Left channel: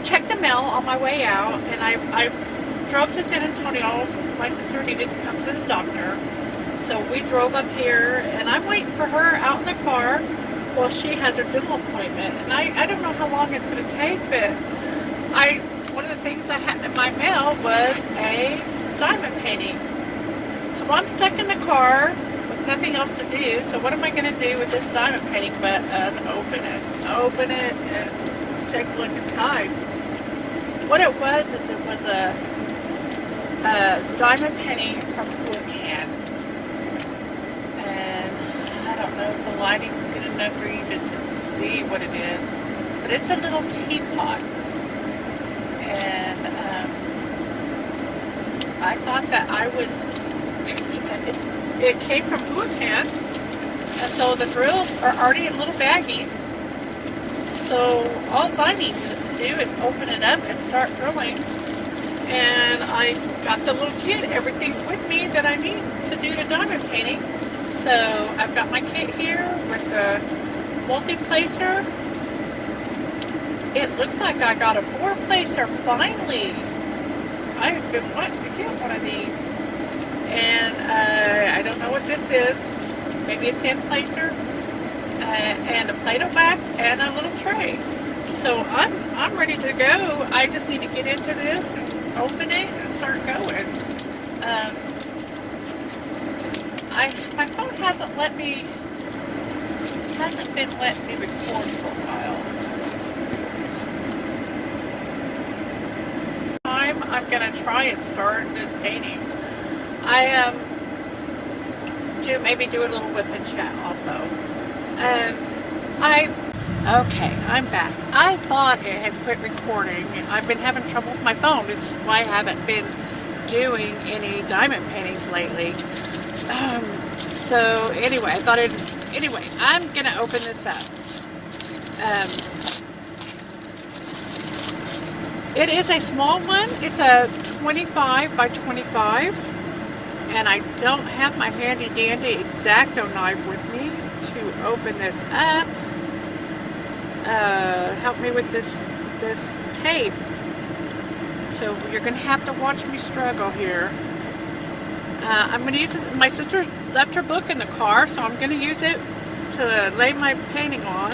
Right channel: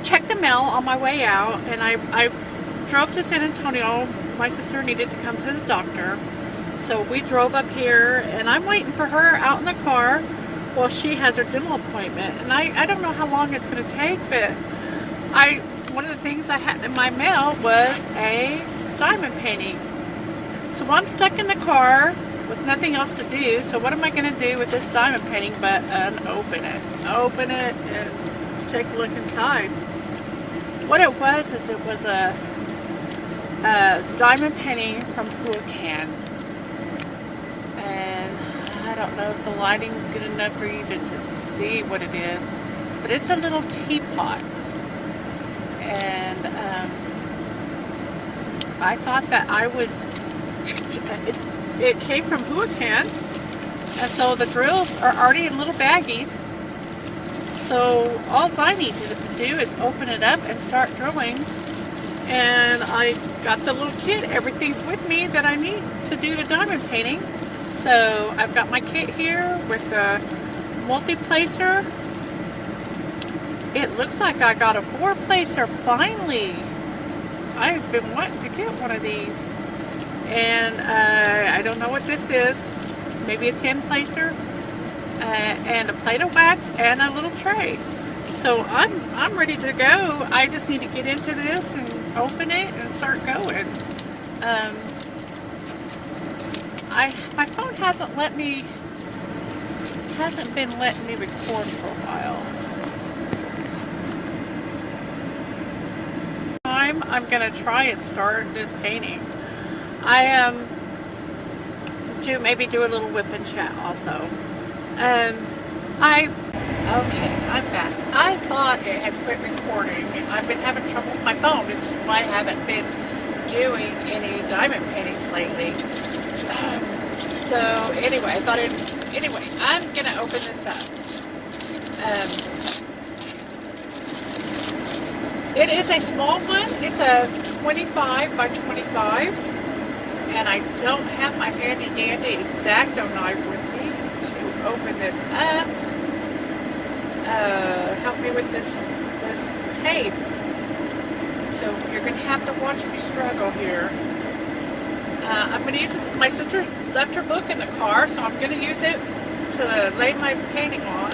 checked the mail on my way out, and I drove to San Antonio. My sister needed to come to the doctor, so we drove up here, and I'm waiting for her out in the car while she has her dental appointment. And I don't know how long it's going to take, but one of the things I had in my mail was a diamond painting. So I'm stuck in the car with nothing else to do. So what am I going to do with this diamond painting but open it and take a look inside? What it was is it was a diamond painting from WIP. And I don't know if the lighting is good enough for you to see what it is, but it's a little teapot. And I thought that I would, it came from WIP, and so the drills are already in little baggies. So all I need to do is open it up and start drilling. And I got the little kit. Everything's with me that I need to do the diamond painting. So I've got my kit here with the multi-placer. It looks like I got a 4-placer finally. I've been wanting to get one of these. And I don't know what this is. Maybe a 10-placer. And a plate of wax and a little tray. So I'm ready to go. I just need to get into this and open it and start going. My phone hasn't been letting me record for a while. I'm gonna try and start this painting. I maybe do a little WIP Chat also. Okay, I'm back. I thought it had quit recording. I've been having trouble with my phone. It's why I haven't been doing any diamond paintings lately. So anyway, I'm gonna open this up. It is a small one. It's a 25 by 25, and I don't have my handy dandy X-Acto knife with me to open this up. Help me with this tape. So you're gonna have to watch me struggle here. I'm gonna use it. My sister left her book in the car, so I'm gonna use it to lay my painting on.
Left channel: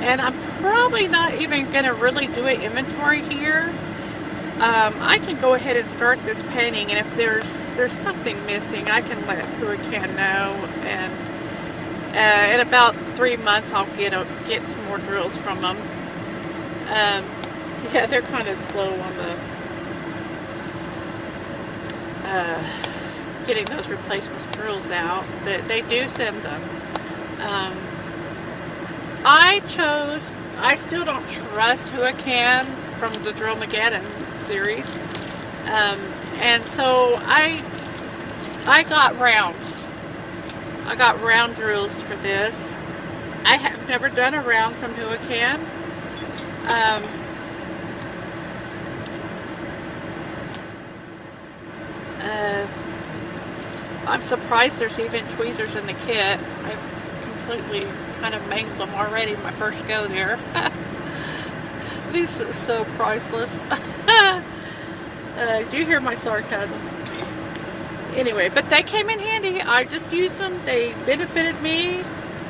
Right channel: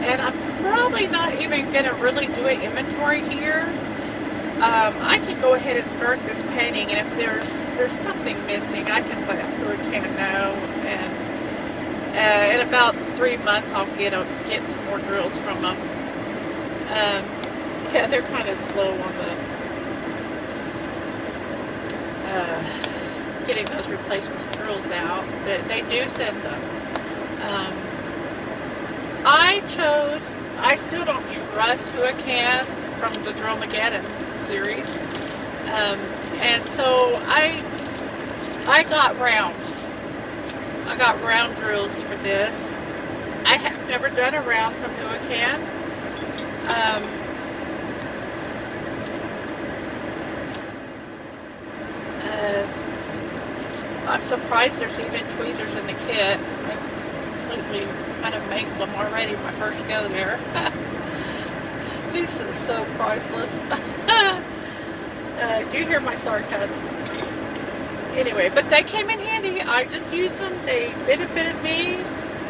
And I'm probably not even gonna really do an inventory here. I can go ahead and start this painting, and if there's something missing, I can let who can know. And in about 3 months, I'll get some more drills from them. Yeah, they're kind of slow on the getting those replacement drills out, but they do send them. I still don't trust who I can from the Drillmageddon series, and so I got round. I got round drills for this. I have never done a round from who I can. I'm surprised there's even tweezers in the kit. I've completely kind of mangled them already my first go there. These are so priceless. Do you hear my sarcasm? Anyway, but they came in handy. I just used them. They benefited me.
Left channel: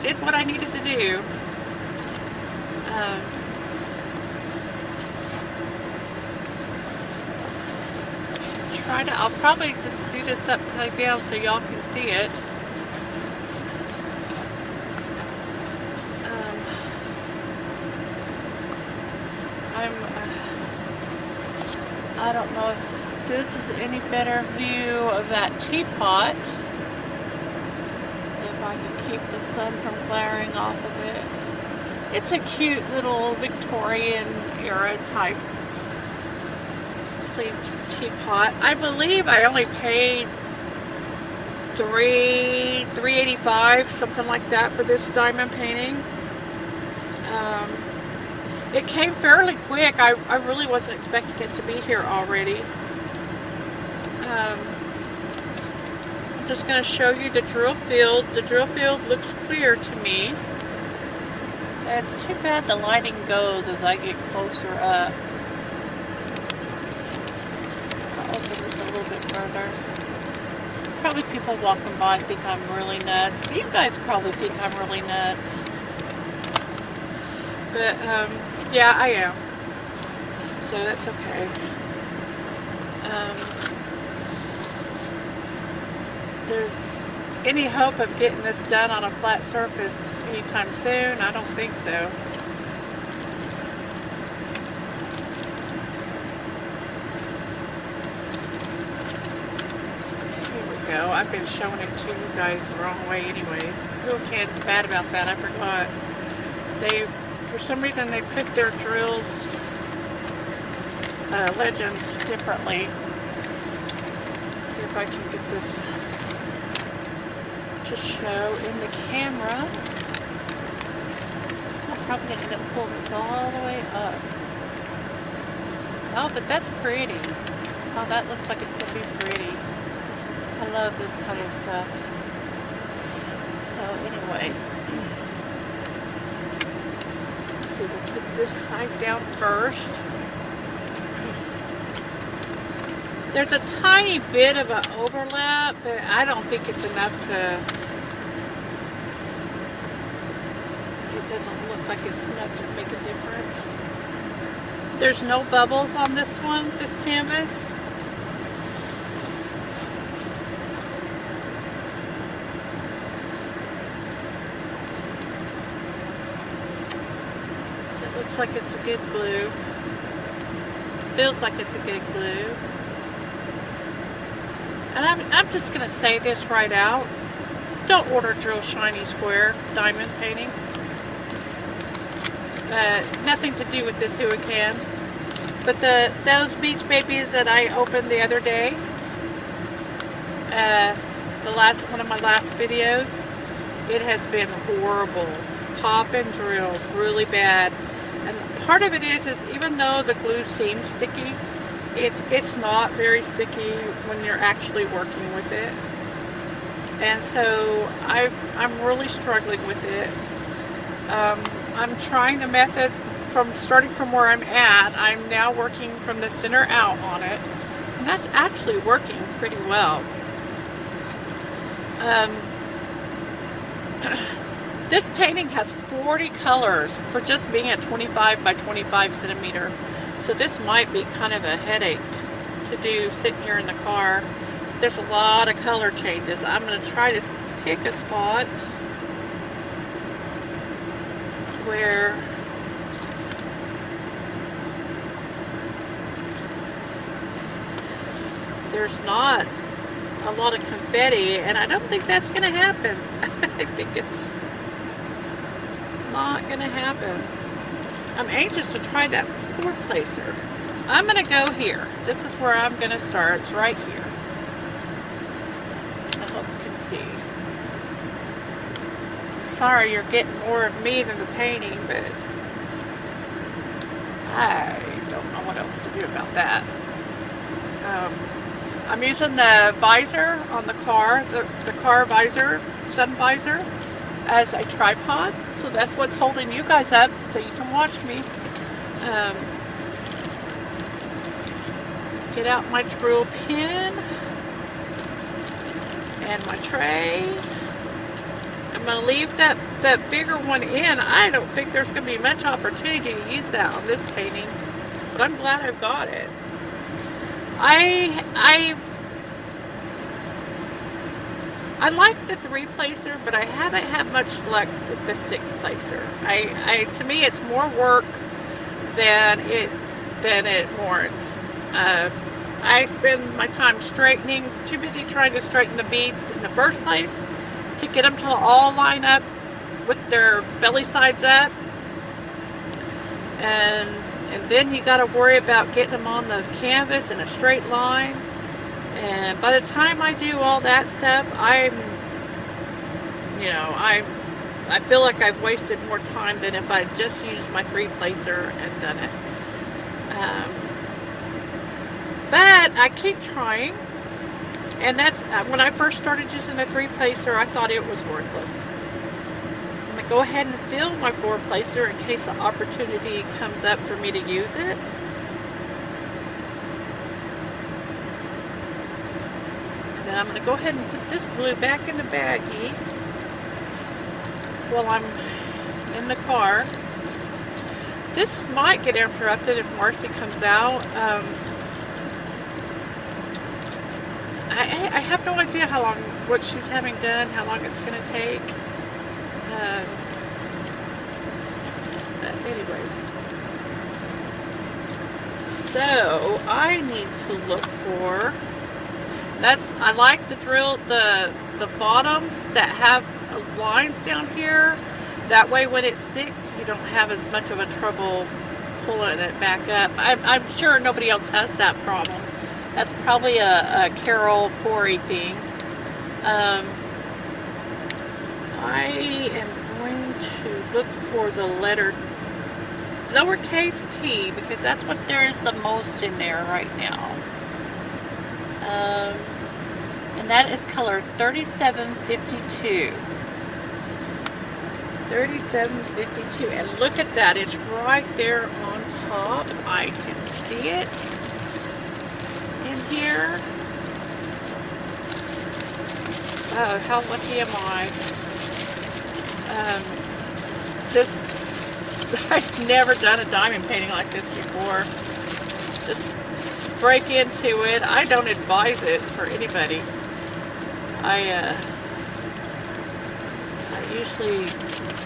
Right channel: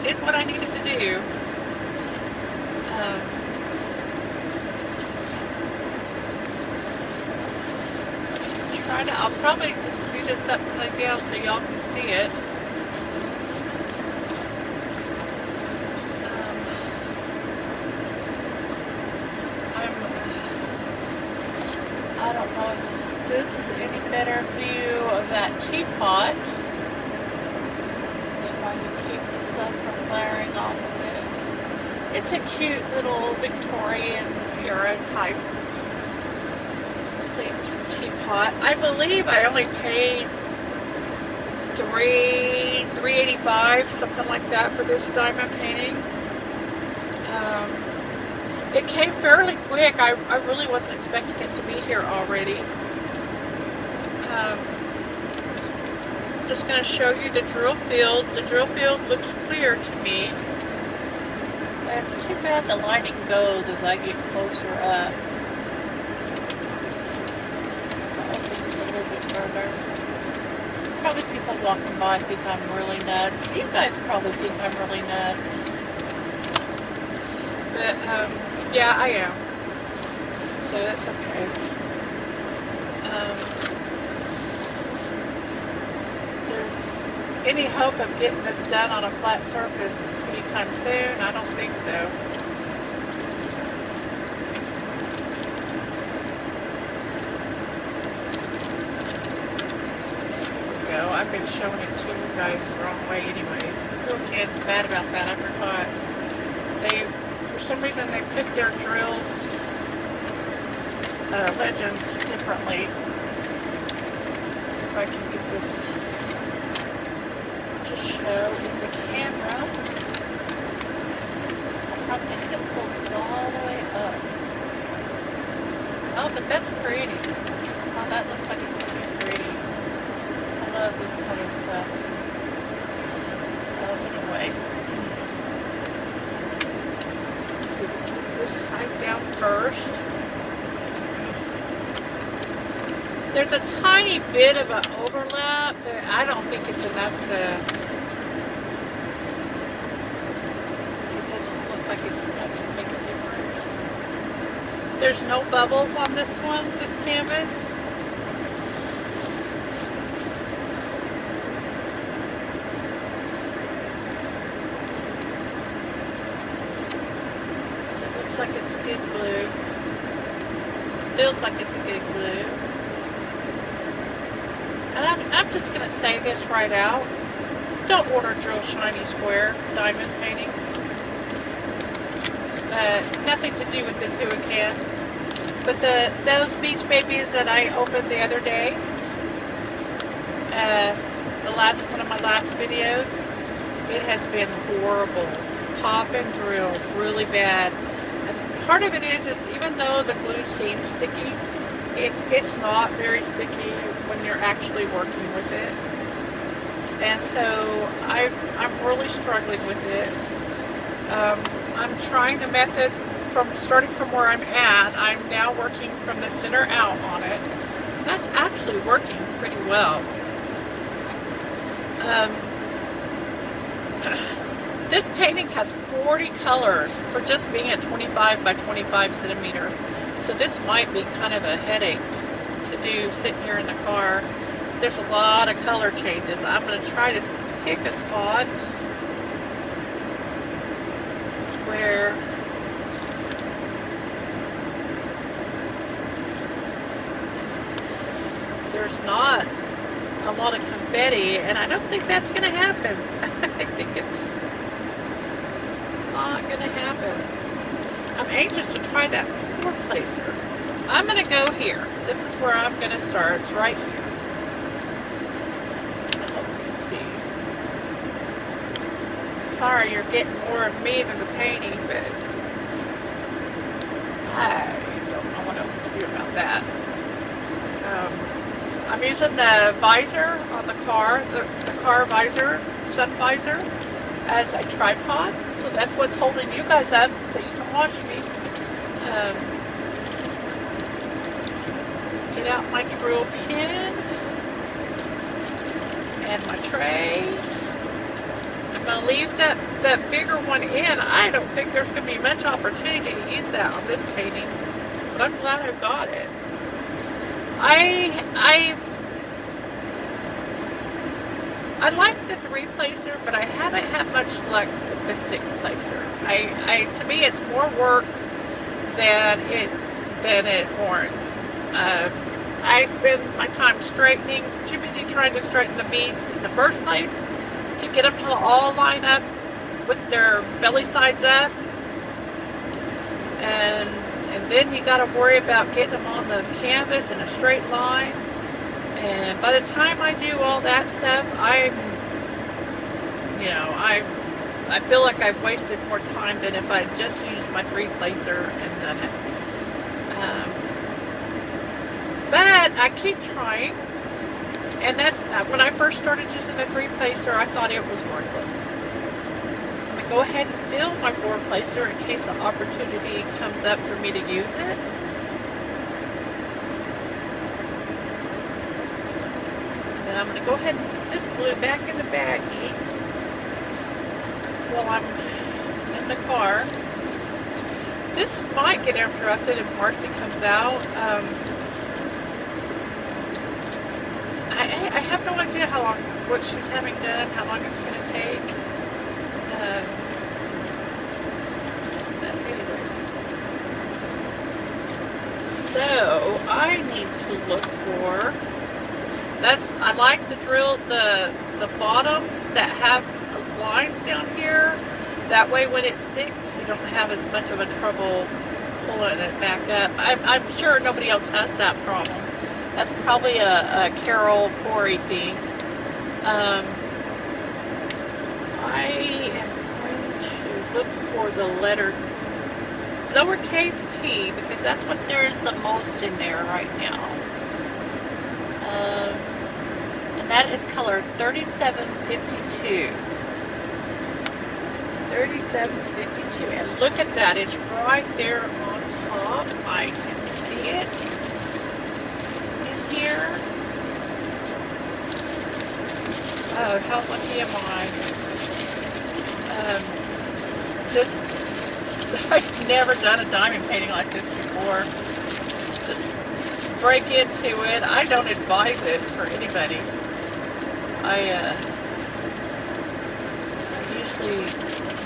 Did what I needed to do. I'll probably just do this upside down so y'all can see it. I don't know if this is any better view of that teapot. If I can keep the sun from glaring off of it. It's a cute little Victorian era type teapot. I believe I only paid $3.85, something like that, for this diamond painting. It came fairly quick. I really wasn't expecting it to be here already. I'm just going to show you the drill field. The drill field looks clear to me. It's too bad the lighting goes as I get closer up. I'll open this a little bit further. Probably people walking by think I'm really nuts. You guys probably think I'm really nuts. But, yeah, I am. So that's okay. There's any hope of getting this done on a flat surface anytime soon? I don't think so. Go. I've been showing it to you guys the wrong way anyways. Who can't be bad about that? I forgot. They, for some reason, they put their drills legends differently. Let's see if I can get this to show in the camera. I'm probably going to have to pull this all the way up. Oh, but that's pretty. Oh, that looks like it's going to be pretty. I love this kind of stuff. So anyway, let's see, we'll put this side down first. There's a tiny bit of an overlap, but I don't think it's enough to, it doesn't look like it's enough to make a difference. There's no bubbles on this one, this canvas. Looks like it's a good glue. Feels like it's a good glue. And I'm just going to say this right out. Don't order Drill Shiny Square diamond painting. Nothing to do with this Hurricane. But those Beach Babies that I opened the other day, one of my last videos, it has been horrible. Popping drills really bad. And part of it is even though the glue seems sticky, it's not very sticky when you're actually working with it. And so I'm really struggling with it. I'm trying the method starting from where I'm at. I'm now working from the center out on it. And that's actually working pretty well. This painting has 40 colors for just being a 25 by 25 centimeter. So this might be kind of a headache to do sitting here in the car. There's a lot of color changes. I'm going to try to pick a spot where there's not a lot of confetti, and I don't think that's going to happen. I think it's not going to happen. I'm anxious to try that board placer. I'm going to go here. This is where I'm going to start. It's right here. I hope you can see. Sorry you're getting more of me than the painting, but I don't know what else to do about that. I'm using the visor on the car, the car visor, sun visor, as a tripod. So that's what's holding you guys up so you can watch me. Get out my drill pin and my tray. I'm going to leave that bigger one in. I don't think there's going to be much opportunity to use that on this painting, but I'm glad I've got it. I like the 3-placer, but I haven't had much luck with the 6-placer. To me, it's more work than it warrants. I spend my time straightening, too busy trying to straighten the beads in the first place to get them to all line up with their belly sides up. And then you got to worry about getting them on the canvas in a straight line. And by the time I do all that stuff, I feel like I've wasted more time than if I just used my 3-placer and done it. But I keep trying. And that's when I first started using the 3-placer, I thought it was worthless. go ahead and fill my forward placer in case the opportunity comes up for me to use it. And then I'm going to go ahead and put this glue back in the baggie while I'm in the car. This might get interrupted if Marcy comes out. I have no idea how long, what she's having done, how long it's going to take. Anyways. So, I need to look for, I like the drill, the bottoms that have lines down here. That way when it sticks, you don't have as much of a trouble pulling it back up. I'm sure nobody else has that problem. That's probably a Carol Corey thing. I am going to look for the letter lowercase t because that's what there is the most in there right now. And that is color 3752. 3752, and look at that, it's right there on top. I can see it in here. Oh, how lucky am I? I've never done a diamond painting like this before. Just break into it. I don't advise it for anybody. I usually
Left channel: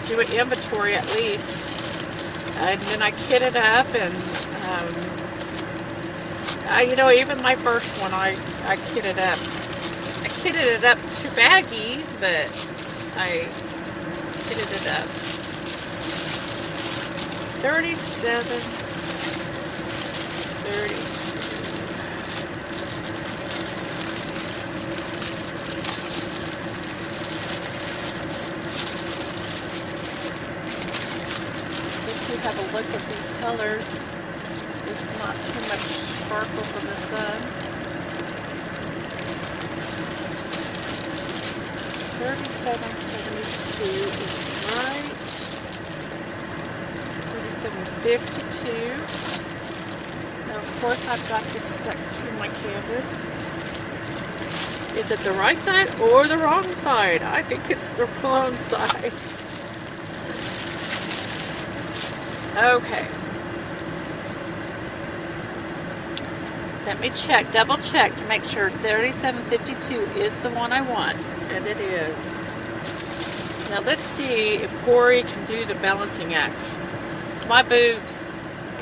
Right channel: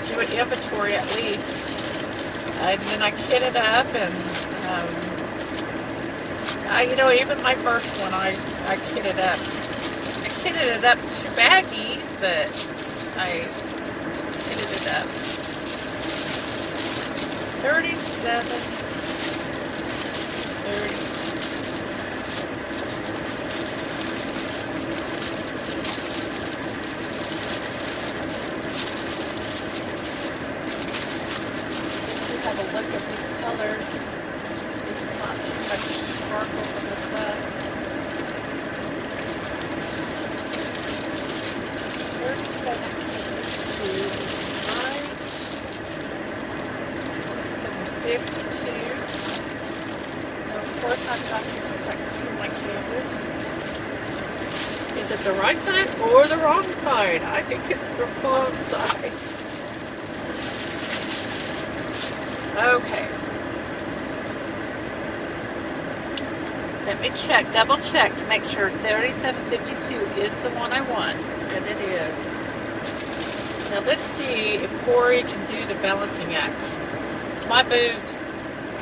do an inventory at least, and then I kit it up, and you know, even my first one I kitted up. I kitted it up to baggies, but I kitted it up. 37, 30. Have a look at these colors. It's not too much sparkle from the sun. 3772 is right. 3752. Now, of course, I've got this stuck to my canvas. Is it the right side or the wrong side? I think it's the wrong side. Okay. Let me check, double check to make sure 3752 is the one I want. And it is. Now let's see if Corey can do the balancing act. My boobs,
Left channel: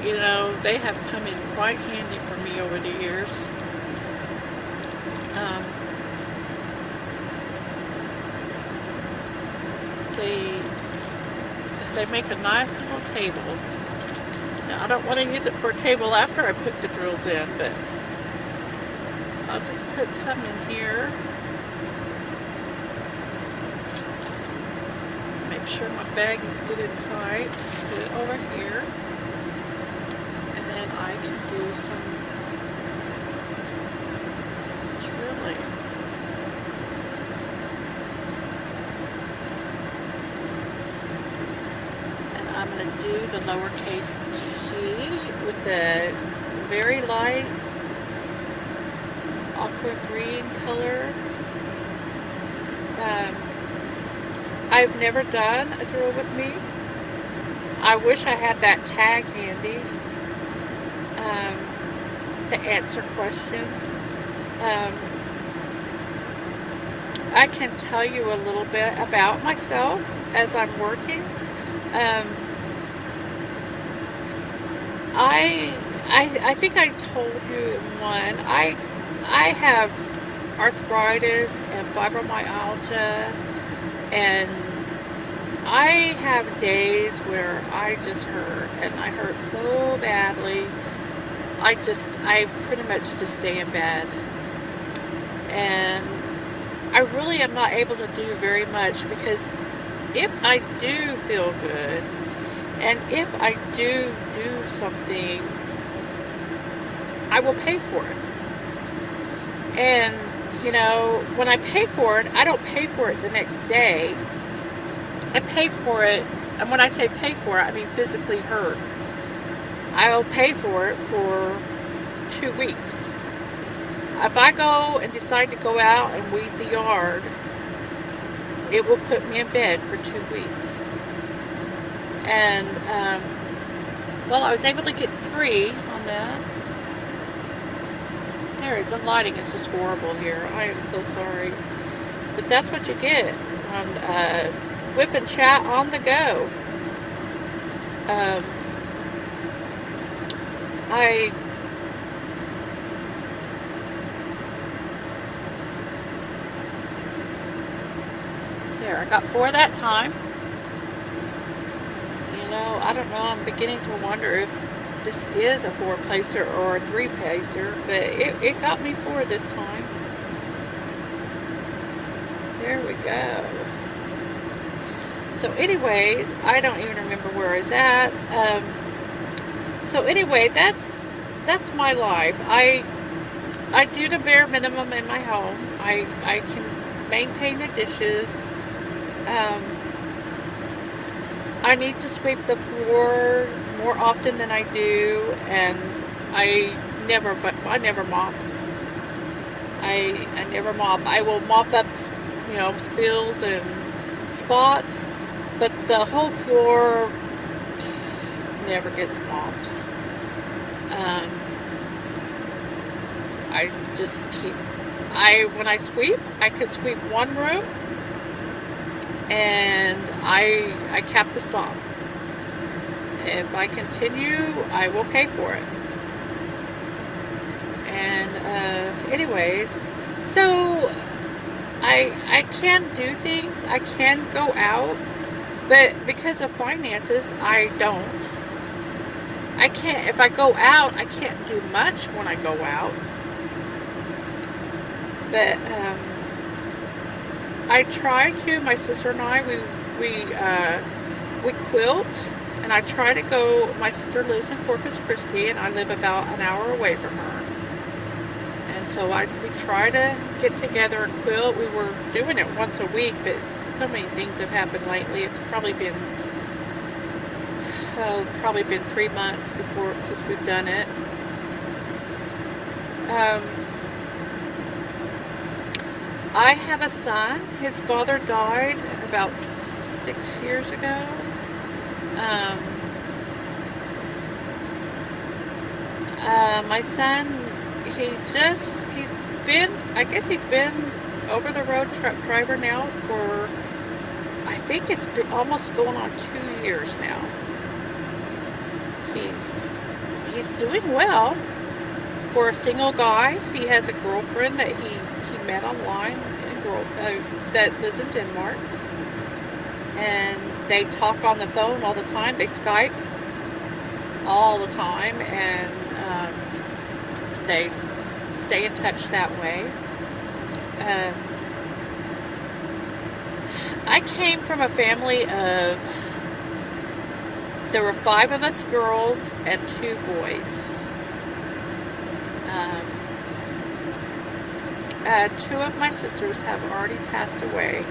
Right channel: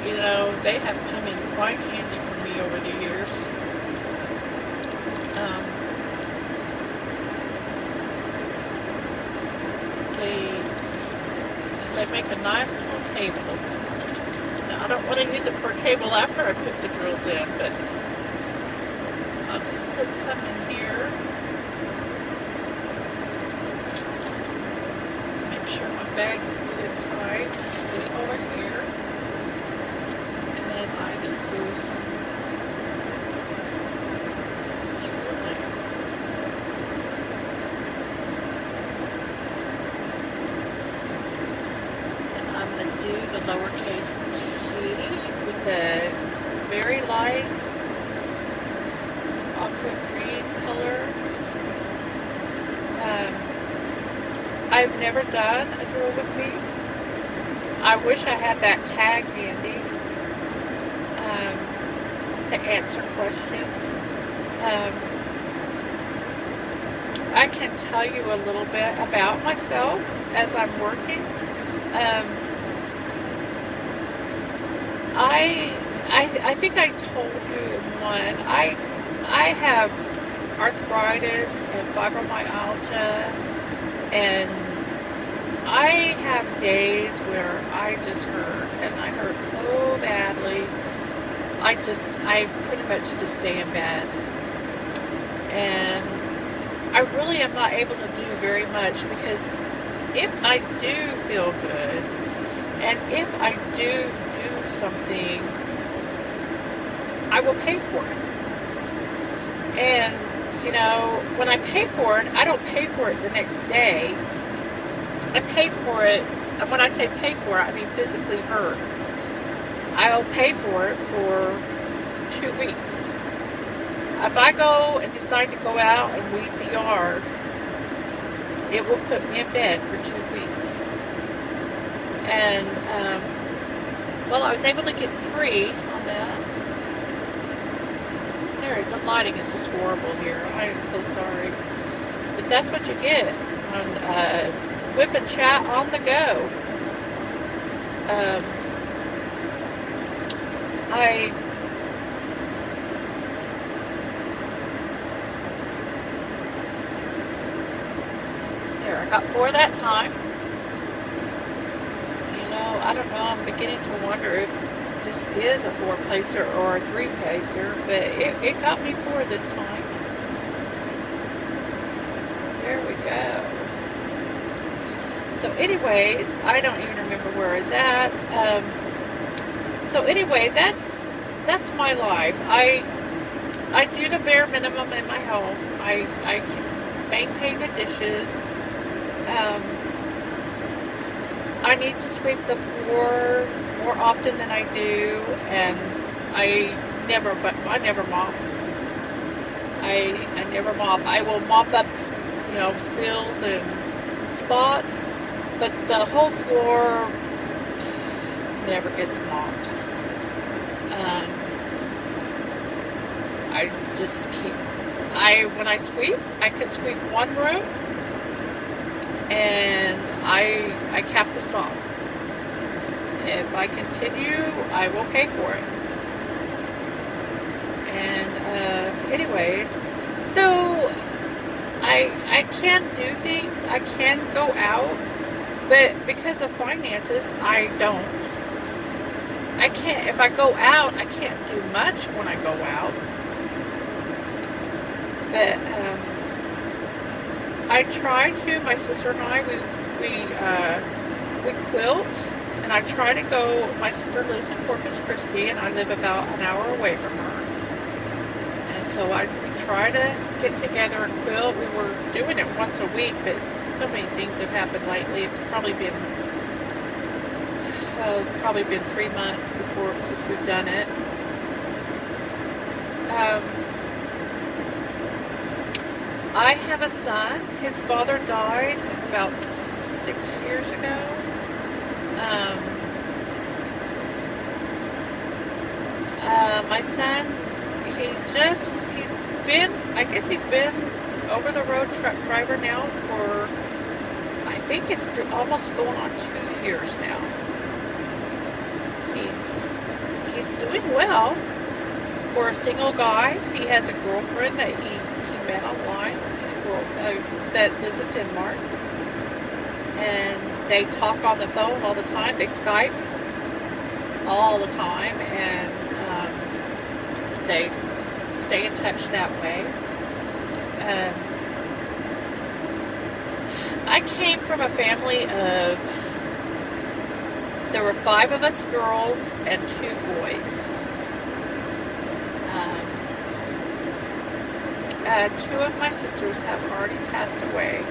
you know, they have come in quite handy for me over the years. They make a nice little table. Now I don't want to use it for a table after I put the drills in, but I'll just put some in here. Make sure my bag is getting tight. Put it over here. And then I can do some drilling. I'm going to do the lowercase t with the very light aqua green color. I've never done a drill with me. I wish I had that tag handy to answer questions. I can tell you a little bit about myself as I'm working. I think I told you in one, I have arthritis and fibromyalgia, and I have days where I just hurt, and I hurt so badly, I pretty much just stay in bed, and I really am not able to do very much, because if I do feel good, and if I do something, I will pay for it. And, you know, when I pay for it, I don't pay for it the next day. I pay for it, and when I say pay for it, I mean physically hurt. I'll pay for it for 2 weeks. If I go and decide to go out and weed the yard, it will put me in bed for 2 weeks. And, well, I was able to get 3 on that. There, the lighting is just horrible here. I am so sorry. But that's what you get on WIP Chat on the go. I got 4 that time. You know, I don't know, I'm beginning to wonder if this is a 4-pacer or a 3-pacer, but it got me 4 this time. There we go. So anyways, I don't even remember where I was at. So anyway, that's my life. I do the bare minimum in my home. I can maintain the dishes. I need to sweep the floor more often than I do, and I never mop. I never mop. I will mop up, you know, spills and spots, but the whole floor never gets mopped. I just keep. When I sweep, I can sweep one room, and I have to stop. If I continue, I will pay for it. And anyways, so I can do things. I can go out, but because of finances, I don't. I can't. If I go out, I can't do much when I go out. But I try to. My sister and I, we quilt, and I try to go. My sister lives in Corpus Christi, and I live about an hour away from her. And so we try to get together and quilt. We were doing it once a week, but so many things have happened lately. It's probably been 3 months since we've done it. I have a son. His father died about 6 years ago. My son, he's been over the road truck driver now for, I think it's been almost going on 2 years now. He's doing well for a single guy. He has a girlfriend that he met online, a girl that lives in Denmark, and they talk on the phone all the time. They Skype all the time, and they stay in touch that way. I came from a family of, there were 5 of us girls and 2 boys. 2 of my sisters have already passed away.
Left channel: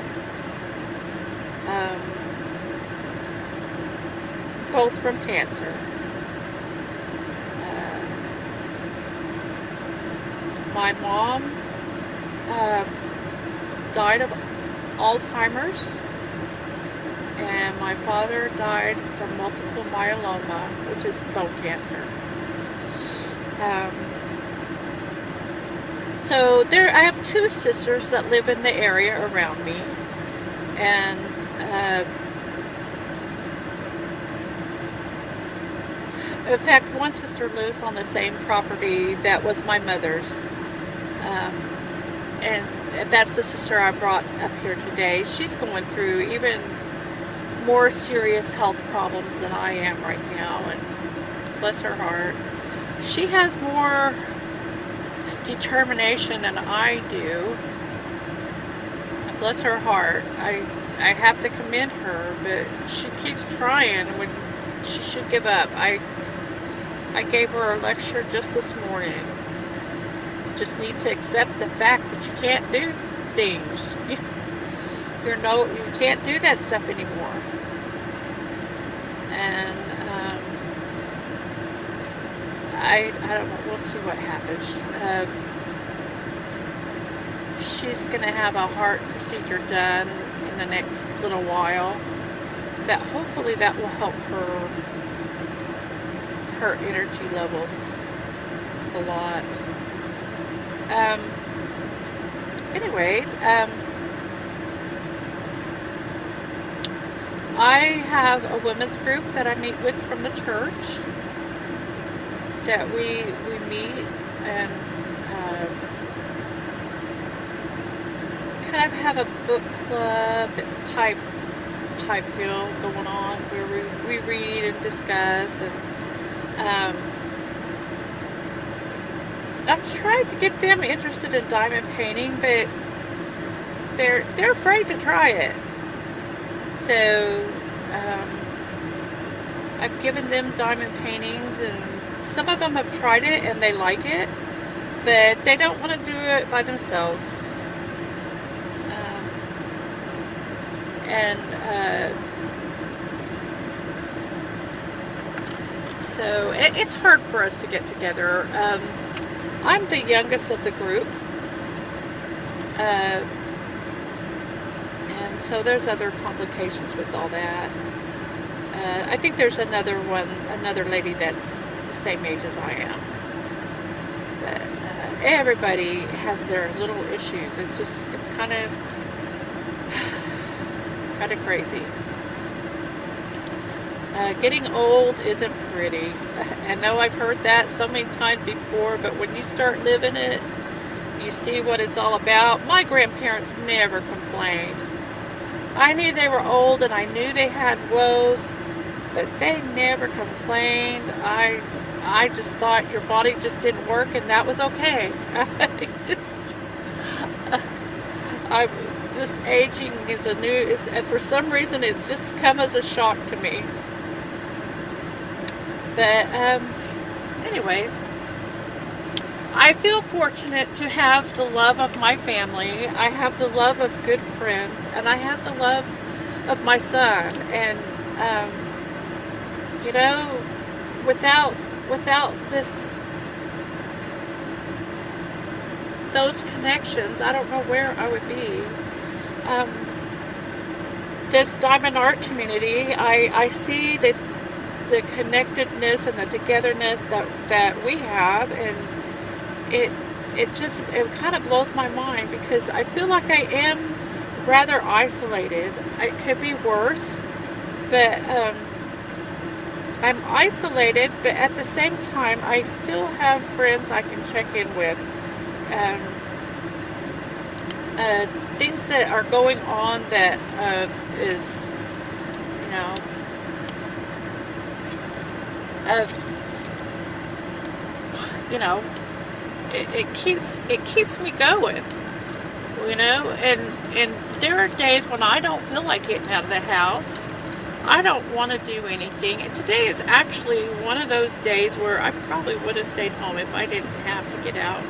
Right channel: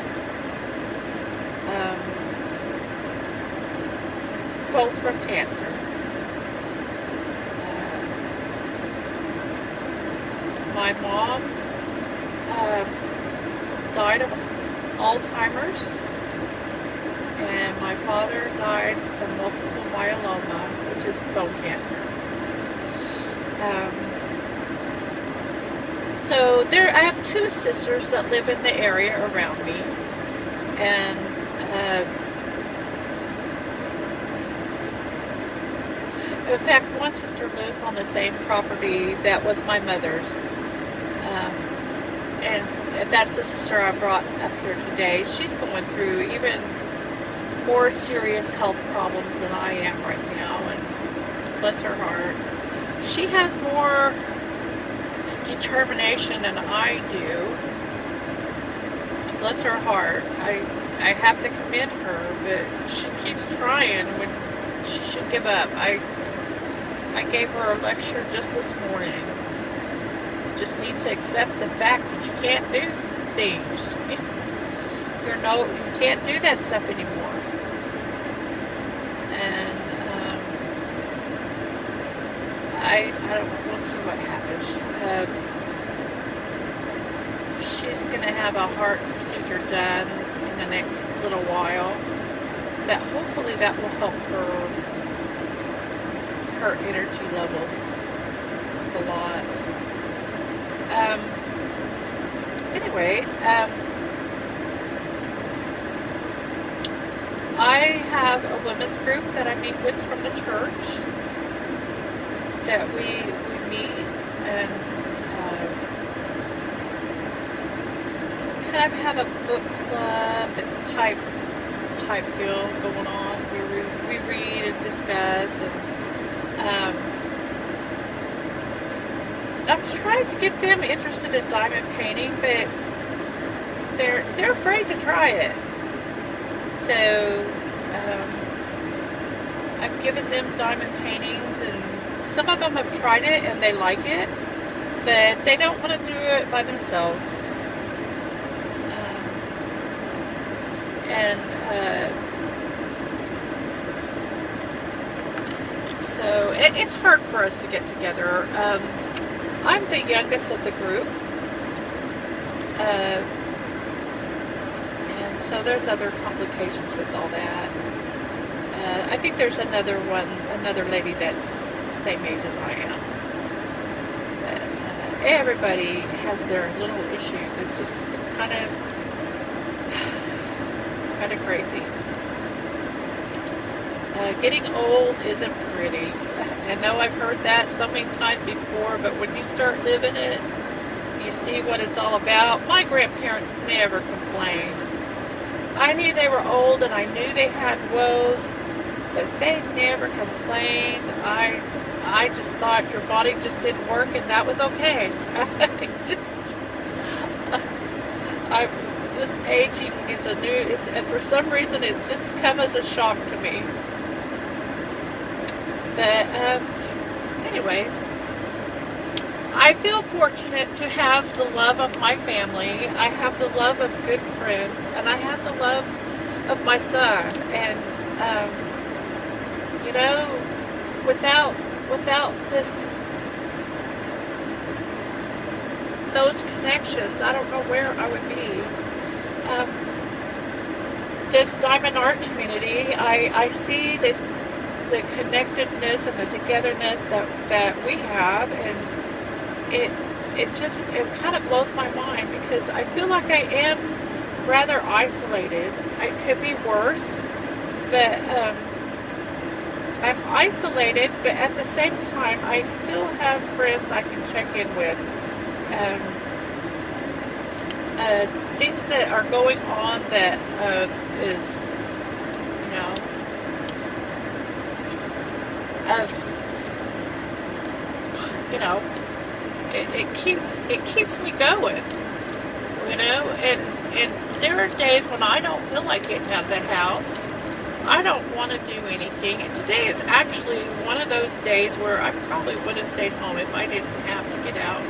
Both from cancer. My mom died of Alzheimer's, and my father died from multiple myeloma, which is bone cancer. So I have 2 sisters that live in the area around me, and in fact, one sister lives on the same property that was my mother's, and that's the sister I brought up here today. She's going through even more serious health problems than I am right now, and bless her heart. She has more determination than I do. Bless her heart. I have to commend her, but she keeps trying when she should give up. I gave her a lecture just this morning. You just need to accept the fact that you can't do things. you can't do that stuff anymore. And I don't know, we'll see what happens. She's going to have a heart procedure done in the next little while. That hopefully that will help her energy levels a lot. Anyways, I have a women's group that I meet with from the church, that we meet and kind of have a book club type deal going on, where we read and discuss, and I'm trying to get them interested in diamond painting, but they're afraid to try it. So I've given them diamond paintings, and some of them have tried it and they like it, but they don't want to do it by themselves. So it's hard for us to get together. I'm the youngest of the group, and so there's other complications with all that. I think there's another lady that's the same age as I am. But everybody has their little issues. It's kind of crazy. Getting old isn't pretty. I know I've heard that so many times before, but when you start living it, you see what it's all about. My grandparents never complained. I knew they were old and I knew they had woes, but they never complained. I just thought your body just didn't work and that was okay. This aging is for some reason it's just come as a shock to me. But anyways, I feel fortunate to have the love of my family. I have the love of good friends, and I have the love of my son. And without those connections, I don't know where I would be. This diamond art community, I see the connectedness and the togetherness that we have, and it kind of blows my mind, because I feel like I am rather isolated. It could be worse, but I'm isolated, but at the same time I still have friends I can check in with. Things that are going on that is, it keeps me going, and there are days when I don't feel like getting out of the house. I don't want to do anything, and today is actually one of those days where I probably would have stayed home if I didn't have to get out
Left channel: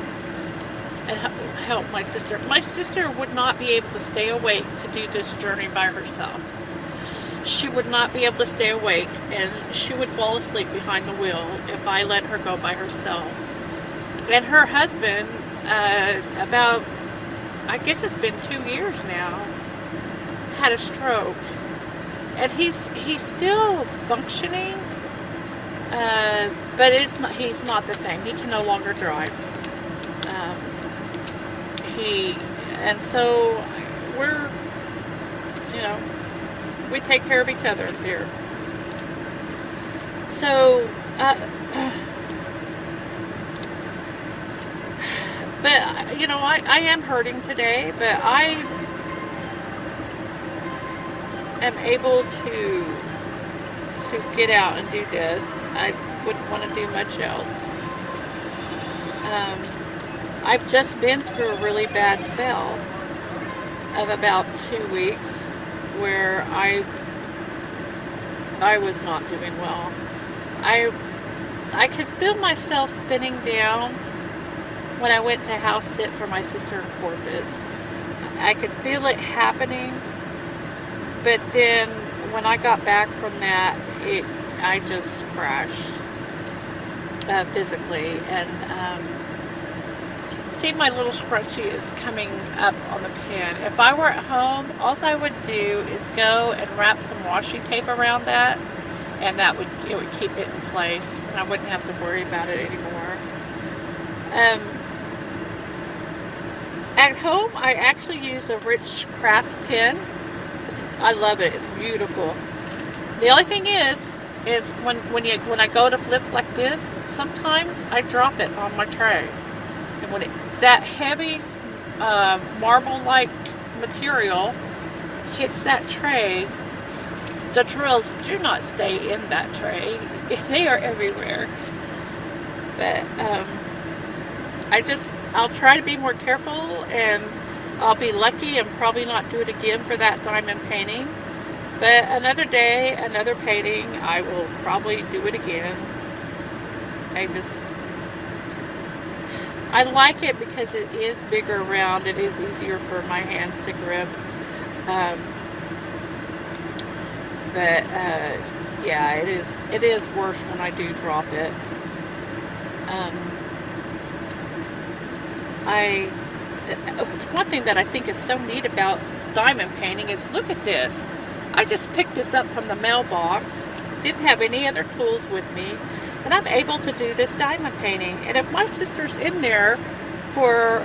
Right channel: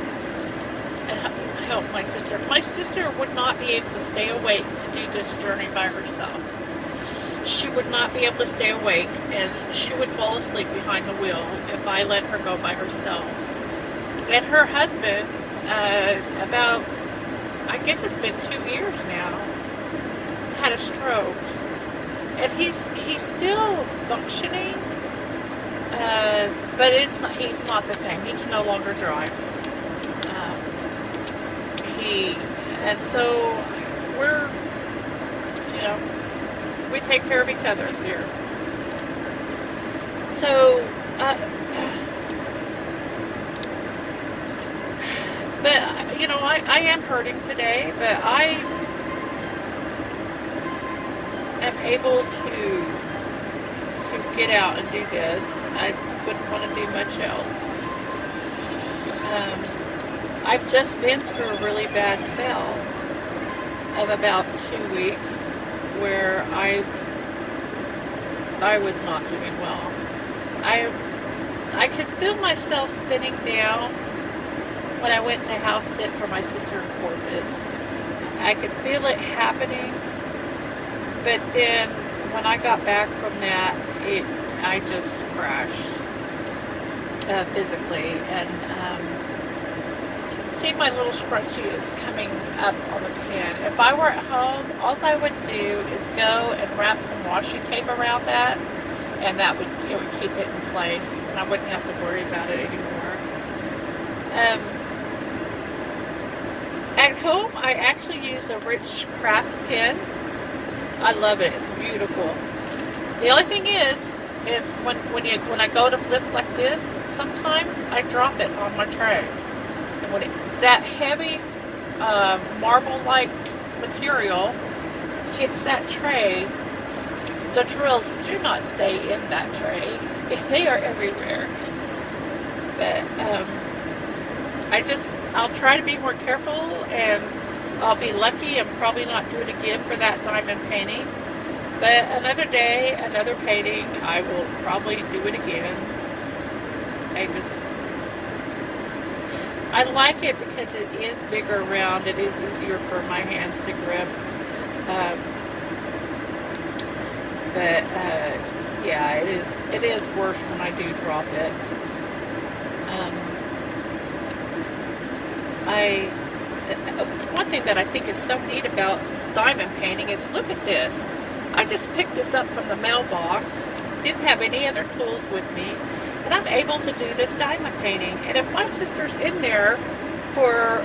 and help my sister. My sister would not be able to stay awake to do this journey by herself. She would not be able to stay awake, and she would fall asleep behind the wheel if I let her go by herself. And her husband, about, I guess it's been 2 years now, had a stroke. And he's still functioning, but he's not the same. He can no longer drive. And so we're, we take care of each other here. So, but I am hurting today, but I am able to get out and do this. I wouldn't want to do much else. I've just been through a really bad spell of about 2 weeks where I was not doing well. I could feel myself spinning down when I went to house sit for my sister in Corpus. I could feel it happening, But then when I got back from that, I just crashed physically. And see, my little scrunchie is coming up on the pan. If I were at home, all I would do is go and wrap some washi tape around that, and it would keep it in place, and I wouldn't have to worry about it anymore. At home, I actually use a rich craft pen. I love it. It's beautiful. The only thing is when I go to flip like this, sometimes I drop it on my tray, and when that heavy marble-like material hits that tray, the drills do not stay in that tray. They are everywhere. But I'll try to be more careful, and I'll be lucky and probably not do it again for that diamond painting. But another day, another painting, I will probably do it again. I like it because it is bigger around. It is easier for my hands to grip. Yeah, it is worse when I do drop it. It's one thing that I think is so neat about diamond painting is, look at this. I just picked this up from the mailbox, didn't have any other tools with me, and I'm able to do this diamond painting. And if my sister's in there for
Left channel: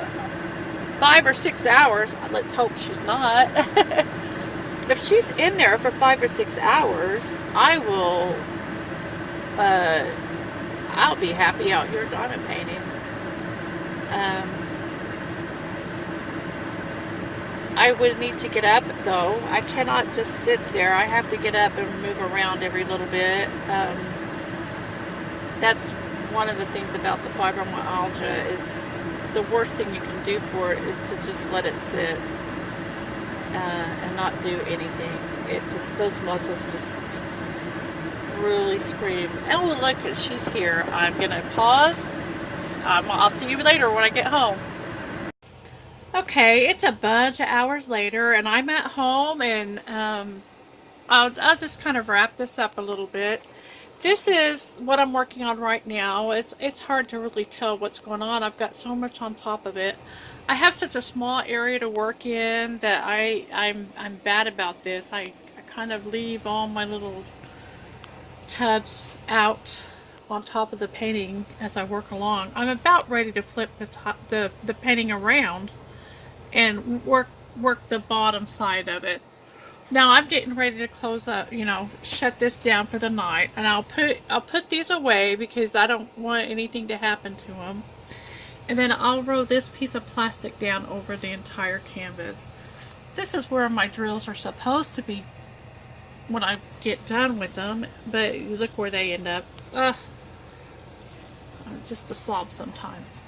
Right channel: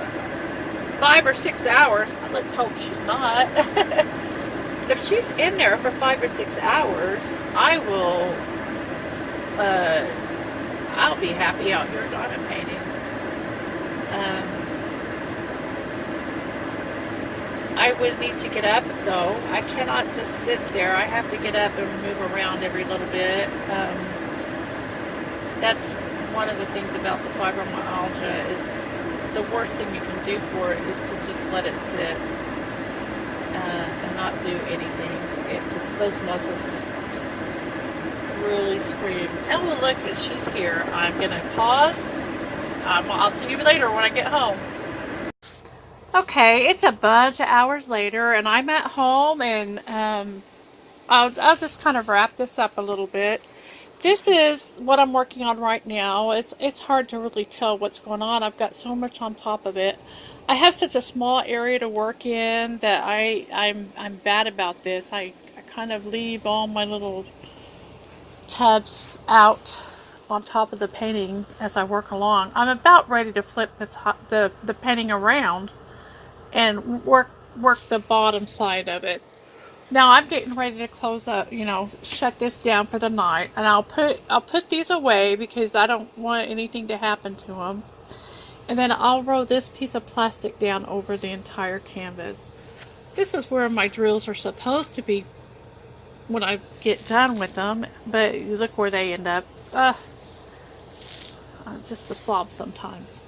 5 or 6 hours, let's hope she's not, if she's in there for 5 or 6 hours, I'll be happy out here diamond painting. I would need to get up, though. I cannot just sit there. I have to get up and move around every little bit. That's one of the things about the fibromyalgia, is the worst thing you can do for it is to just let it sit and not do anything. Those muscles just really scream. Oh, look, she's here. I'm going to pause. I'll see you later when I get home. Okay, it's a bunch of hours later, and I'm at home, and I'll just kind of wrap this up a little bit. This is what I'm working on right now. It's hard to really tell what's going on. I've got so much on top of it. I have such a small area to work in that I'm bad about this. I kind of leave all my little tubs out on top of the painting as I work along. I'm about ready to flip the painting around and work the bottom side of it. Now I'm getting ready to close up, shut this down for the night, and I'll put these away because I don't want anything to happen to them. And then I'll roll this piece of plastic down over the entire canvas. This is where my drills are supposed to be when I get done with them, but look where they end up. I'm just a slob sometimes.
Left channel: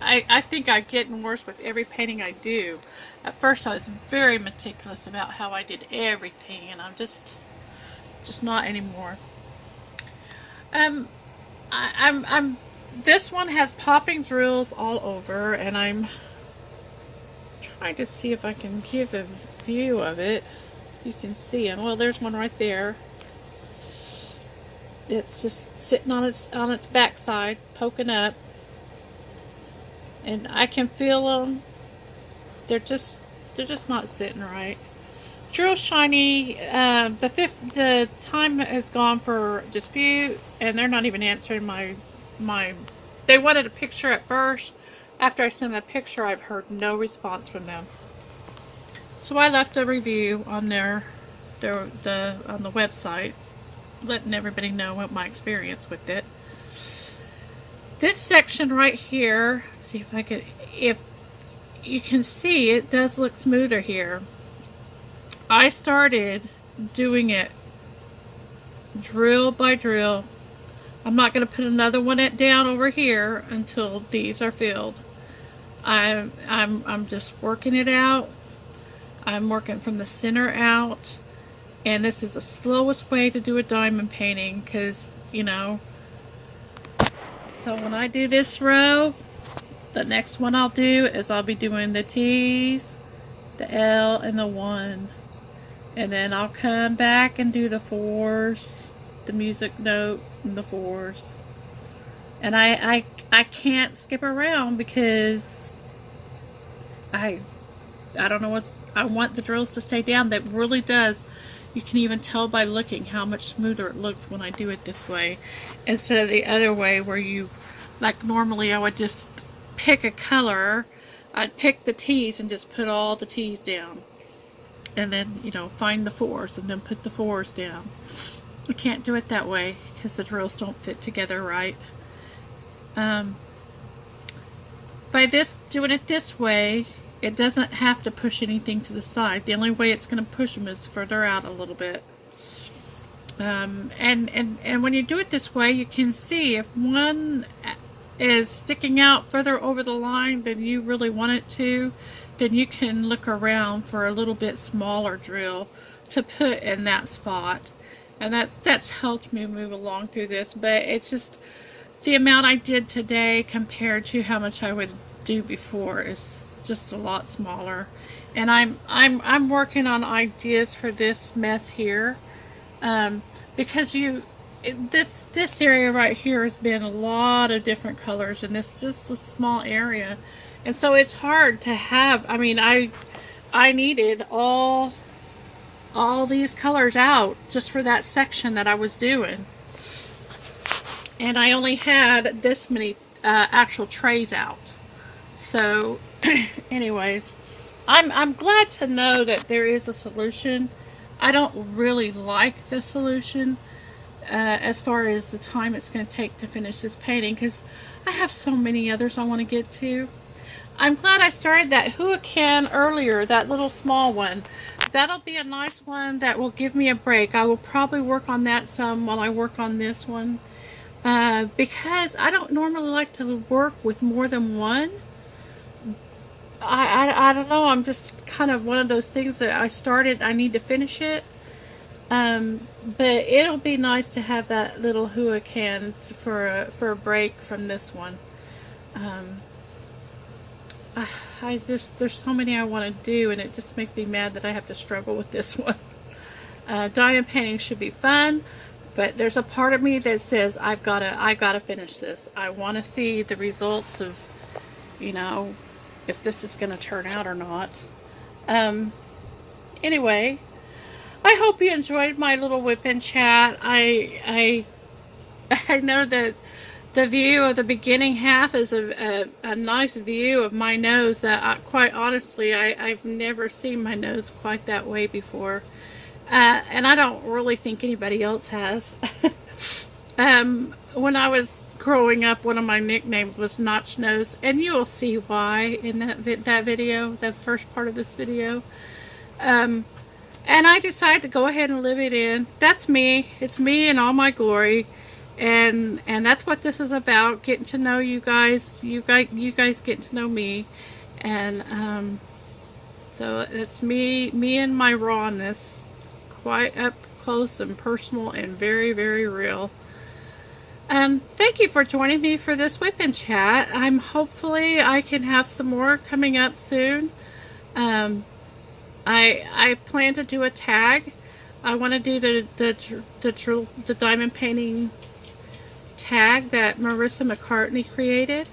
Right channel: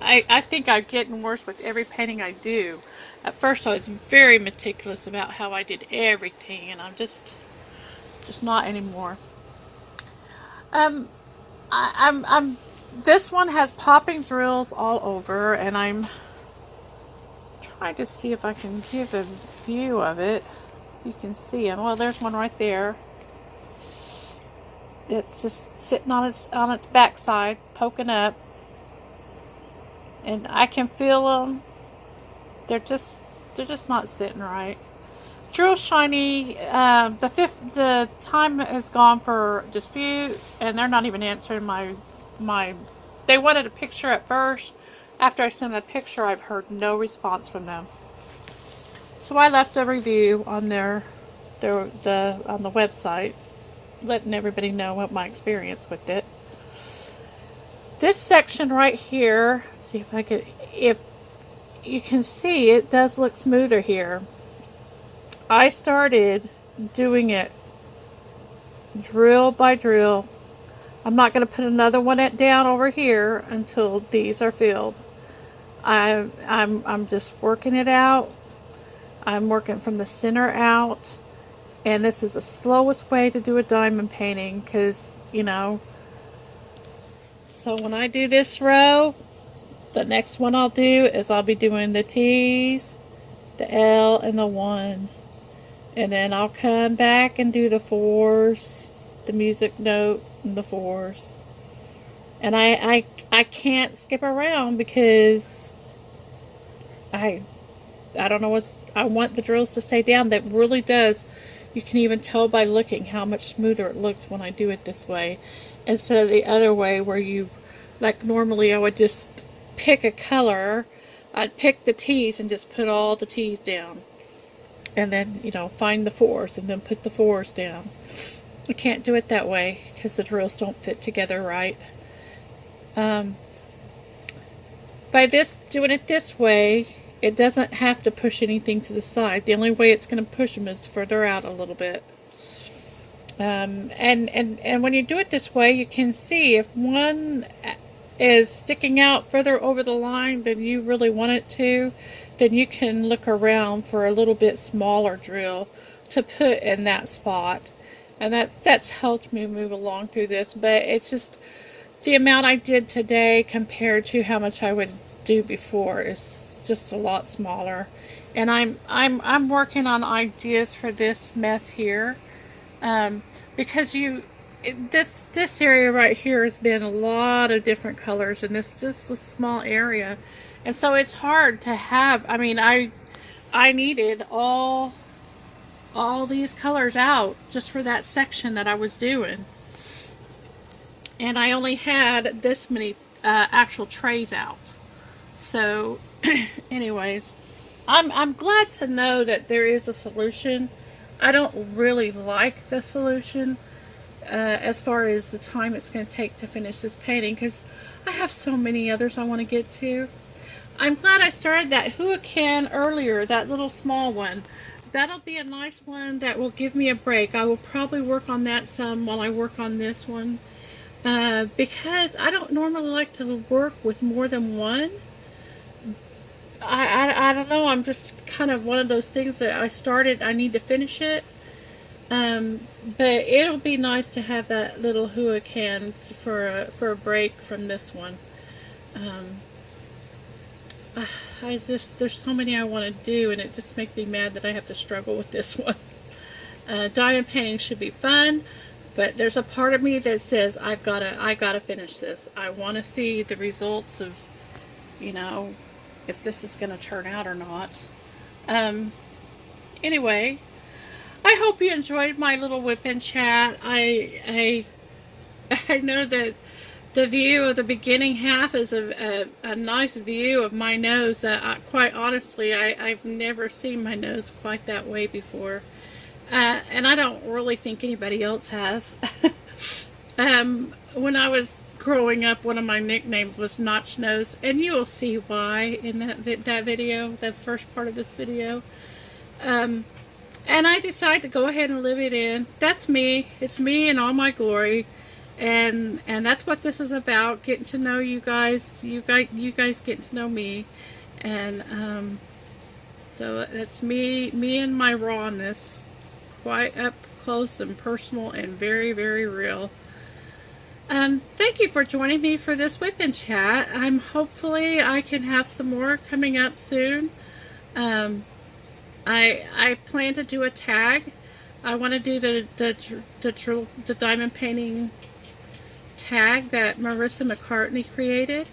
I think I'm getting worse with every painting I do. At first I was very meticulous about how I did everything, and I'm just not anymore. This one has popping drills all over, and I'm trying to see if I can give a view of it. You can see them. Well, there's one right there. It's just sitting on its backside, poking up. And I can feel them. They're just not sitting right. Drill shiny. The time has gone for dispute, and they're not even answering my. They wanted a picture at first. After I sent them a picture, I've heard no response from them. So I left a review on on the website, letting everybody know what my experience with it. This section right here, let's see if you can see, it does look smoother here. I started doing it drill by drill. I'm not going to put another one down over here until these are filled. I'm just working it out. I'm working from the center out, and this is the slowest way to do a diamond painting, because so when I do this row, the next one I'll do is I'll be doing the T's, the L, and the 1. And then I'll come back and do the 4s, the music note, and the 4s. And I can't skip around because I don't know I want the drills to stay down. That really does. You can even tell by looking how much smoother it looks when I do it this way. Instead of the other way where you, like normally I would just pick a color. I'd pick the T's and just put all the T's down. And then, you know, find the 4s and then put the 4s down. I can't do it that way because the drills don't fit together right. By doing it this way, it doesn't have to push anything to the side. The only way it's going to push them is further out a little bit. And when you do it this way, you can see if one is sticking out further over the line than you really want it to, then you can look around for a little bit smaller drill to put in that spot. And that's helped me move along through this. But it's just the amount I did today compared to how much I would do before is just a lot smaller. And I'm working on ideas for this mess here, because this area right here has been a lot of different colors, and it's just a small area, and so it's hard to have. I mean, I needed all these colors out just for that section that I was doing, and I only had this many actual trays out. So anyways, I'm glad to know that there is a solution. I don't really like the solution as far as the time it's going to take to finish this painting, because I have so many others I want to get to. I'm glad I started that Huracan earlier, that little small one. That'll be a nice one that will give me a break. I will probably work on that some while I work on this one, because I don't normally like to work with more than one. I don't know, I'm just kind of one of those things that I started, I need to finish it. But it'll be nice to have that little Huracan for a break from this one. There's so many I want to do, and it just makes me mad that I have to struggle with this one. Diamond painting should be fun, but there's a part of me that says I gotta finish this. I want to see the results of, you know, if this is going to turn out or not. Anyway, I hope you enjoyed my little WIP chat. I know that the view of the beginning half is a nice view of my nose that quite honestly I've never seen my nose quite that way before, and I don't really think anybody else has. When I was growing up, one of my nicknames was Notch Nose, and you will see why in that video, the first part of this video. And I decided to go ahead and live it in. That's me. It's me in all my glory, and that's what this is about. Getting to know you guys. You guys getting to know me, and so it's me and my rawness, quite up close and personal and very, very real. Thank you for joining me for this WIP chat. Hopefully I can have some more coming up soon. I plan to do a tag. I want to do the diamond painting tag that Marissa McCartney created.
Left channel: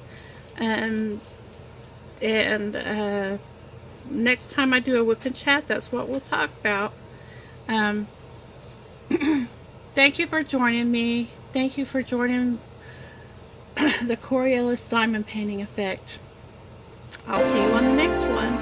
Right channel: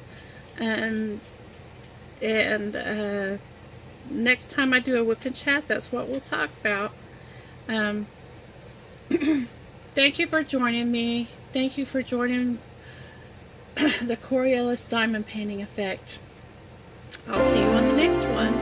Next time I do a WIP chat, that's what we'll talk about. Thank you for joining me. Thank you for joining the Coriolis Diamond Painting Effect. I'll see you on the next one.